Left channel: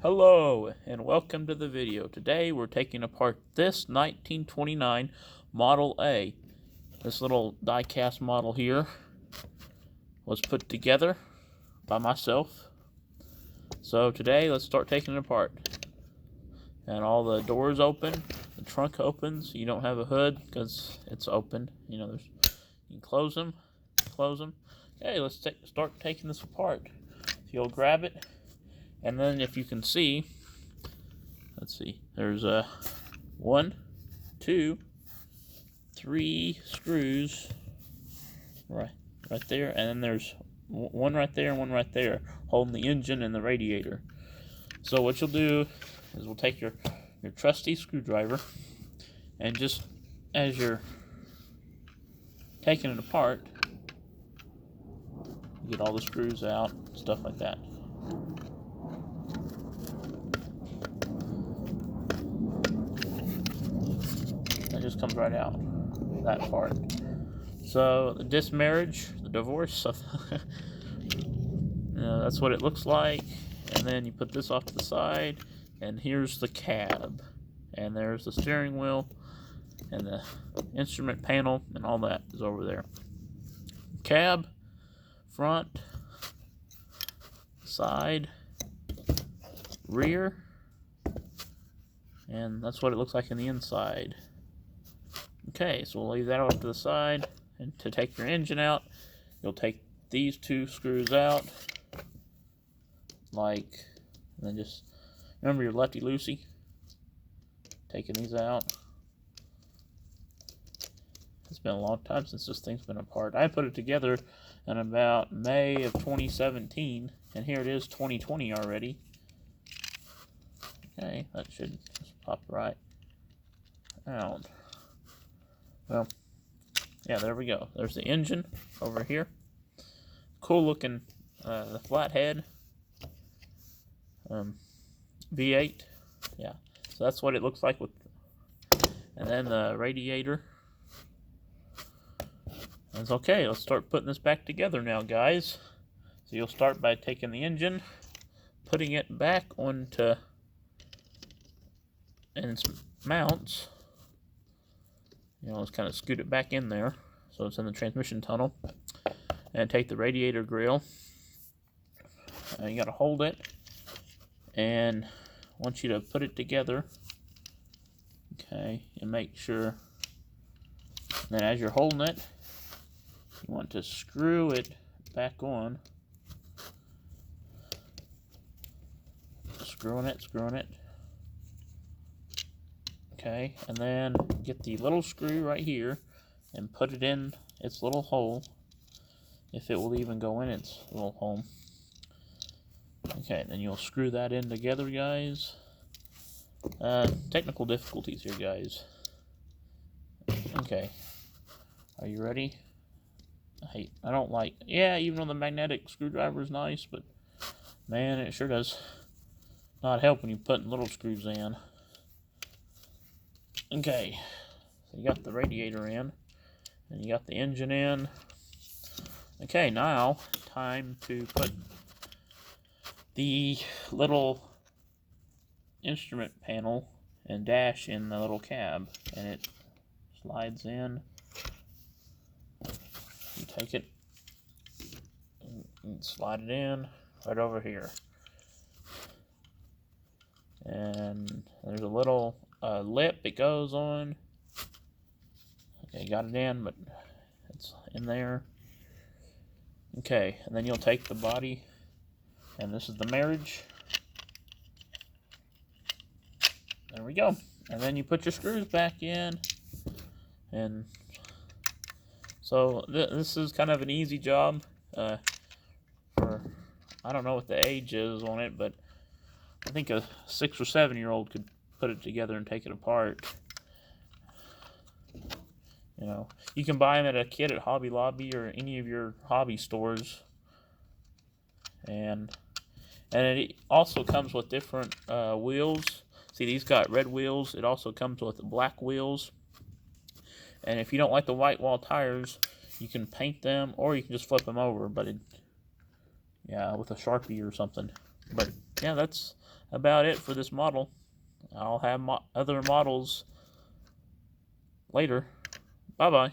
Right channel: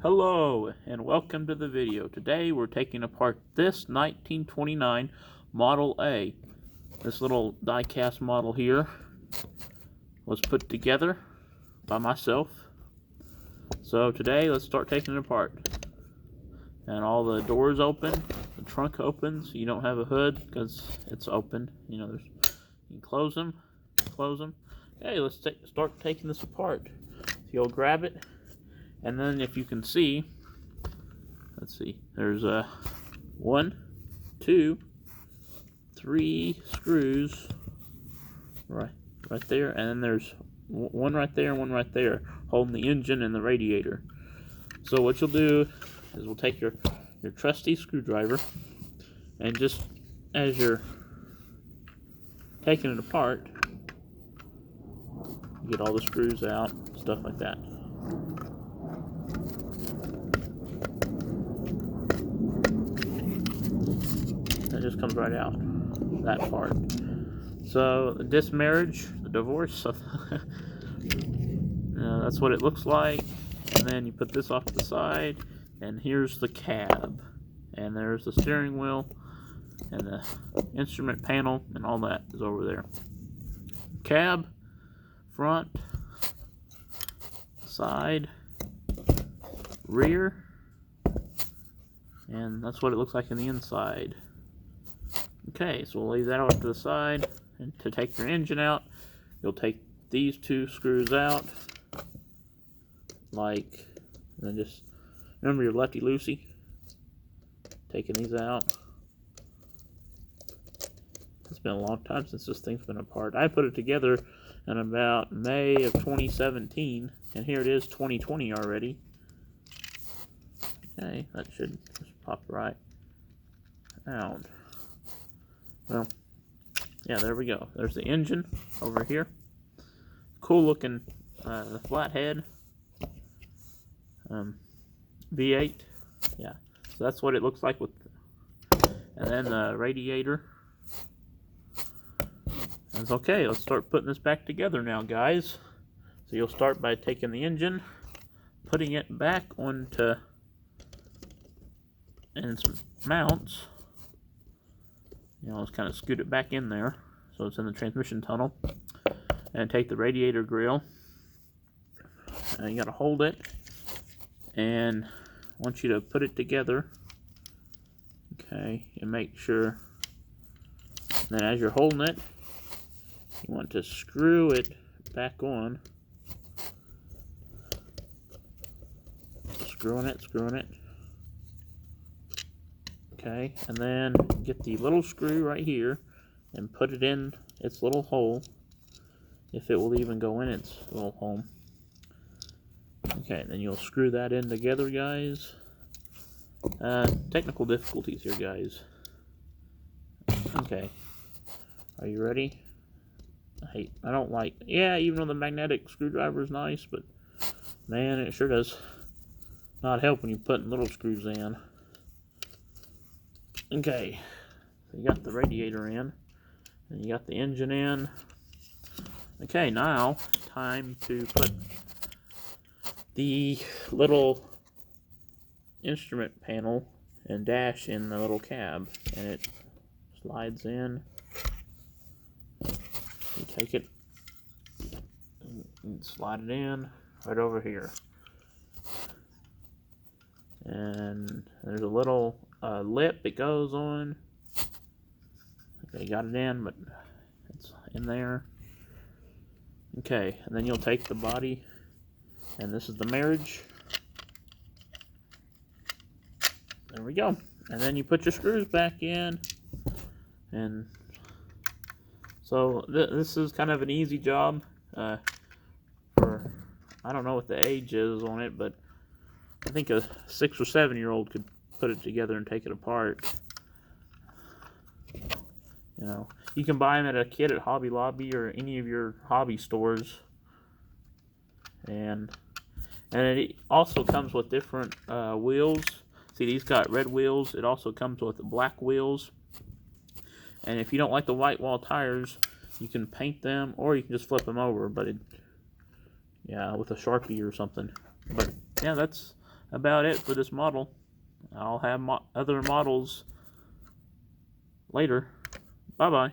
Hello and welcome to the video. Today we're taking apart this 1929 Model A. This little die-cast model here was put together by myself. So today let's start taking it apart. And all the doors open, the trunk opens. You don't have a hood because it's open. You know, you can close them. Okay, let's start taking this apart. So you'll grab it. And then if you can see, let's see, there's 1, 2, 3 screws right there, and then there's one right there and one right there holding the engine and the radiator. So what you'll do is we'll take your trusty screwdriver, and just as you're taking it apart, you get all the screws out, stuff like that. It just comes right out, that part. So the dismarriage, the divorce, that's what it looks like. And then you put this off to the side, and here's the cab, and there's the steering wheel, and the instrument panel, and all that is over there. Cab, front, side, rear, and that's what it looks like in the inside. Okay, so we'll leave that off to the side, and to take your engine out, you'll take these 2 screws out, and then just remember your lefty loosey, taking these out. It's been a long time since this thing's been apart. I put it together in about May of 2017, and here it is 2020 already. Okay, that should just pop right out. Well, yeah, there we go. There's the engine over here. Cool looking flathead. V8. Yeah, so that's what it looks like with. And then the radiator. That's okay. Let's start putting this back together now, guys. So you'll start by taking the engine, putting it back onto its mounts. You know, let's kind of scoot it back in there so it's in the transmission tunnel. And take the radiator grill. And you got to hold it. And I want you to put it together. Okay, and make sure. And then as you're holding it, you want to screw it back on. Screwing it. Okay, and then get the little screw right here and put it in its little hole, if it will even go in its little hole. Okay, and then you'll screw that in together, guys. Technical difficulties here, guys. Okay, are you ready? I don't like, even though the magnetic screwdriver is nice, but man, it sure does not help when you're putting little screws in. Okay, so you got the radiator in, and you got the engine in. Okay, now time to put the little instrument panel and dash in the little cab, and it slides in. You take it and slide it in right over here. And there's a little lip it goes on. Okay, got it in, but it's in there. Okay, and then you'll take the body, and this is the marriage. There we go. And then you put your screws back in, and so this is kind of an easy job. For, I don't know what the age is on it, but I think a 6 or 7 year old could put it together and take it apart. You know, you can buy them at a kit at Hobby Lobby or any of your hobby stores. And it also comes with different wheels. See, these got red wheels. It also comes with black wheels. And if you don't like the white wall tires, you can paint them, or you can just flip them over. But with a Sharpie or something. But yeah, that's about it for this model. I'll have other models later. Bye-bye.